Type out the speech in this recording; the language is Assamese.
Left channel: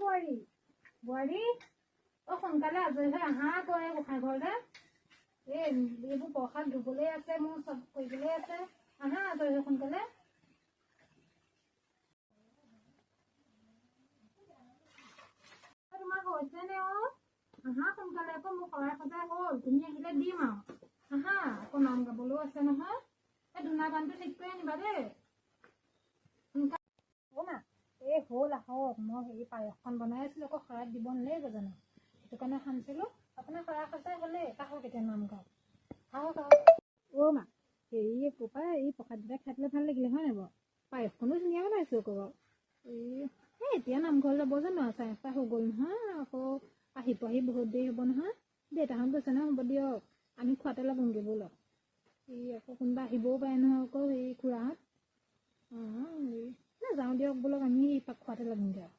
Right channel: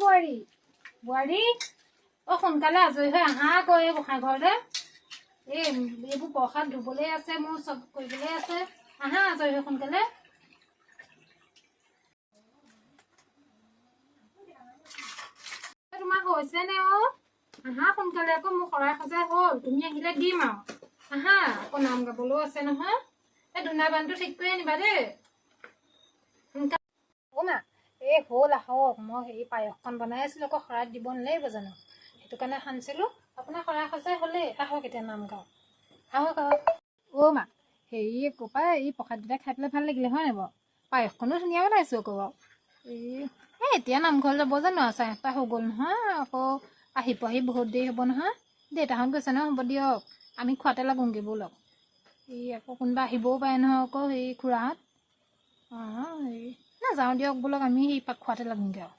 বোৱাৰী বোৱাৰী অ সোনকালে আজৰি হৈ আহা আকৌ এই গোঁসাই ঘৰলে এইবোৰ প্ৰসাদ ধুবলৈ আছে মোৰ চব কৰিবলৈ আছে আহা আজৰি হৈ সোনকালে তোমাৰ হৈছে নে অ আহা সোনকালে আকৌ মোৰ শৰাই সজাই হ'ল তুমি আহিলে দিম আৰু আহা আকৌ নাম গাবলৈও আছে নহয় এই ধূনা বানটো ঠিক কৰি আনিবা দেই অ মা এই হ'ল আহক মই হেৰি পায়সকণ বনাই আছিলোঁ আকৌ শৰাইত দিব নালাগিব জানো সেইটো কাৰণে সানিছিলোঁ আপোনাৰ শৰাই সজাই হ'লেই আহক এতিয়া নাম গাওঁ আহক আহক অ মা হেৰি ক'পা এই প্ৰসাদকেইটা খাই পেলাই ভাল লাগিলে হয় নাই বাৰু পায়সকণো ধুনীয়া বনাইছোঁ আকৌ বাৰু এতিয়া নামঘৰ যাব জানো 8:30 হৈ গ'ল নহয় আকৌ আহি পোৱাহি বহুত দেৰি হ'ব নহয় দেউতাহঁত গৈছে নহয় হ'ব দিয়ক আমি খোৱাতে লাগোংগৈ ব'লক আকৌ কোনোবা আহিবও পাৰে নহয় আকৌ হেৰি খুৰাহঁত অঁ হেৰি নাযাওঁ দিয়ক বোলক আমি সেই খোৱাতে লাগোংগৈ আৰু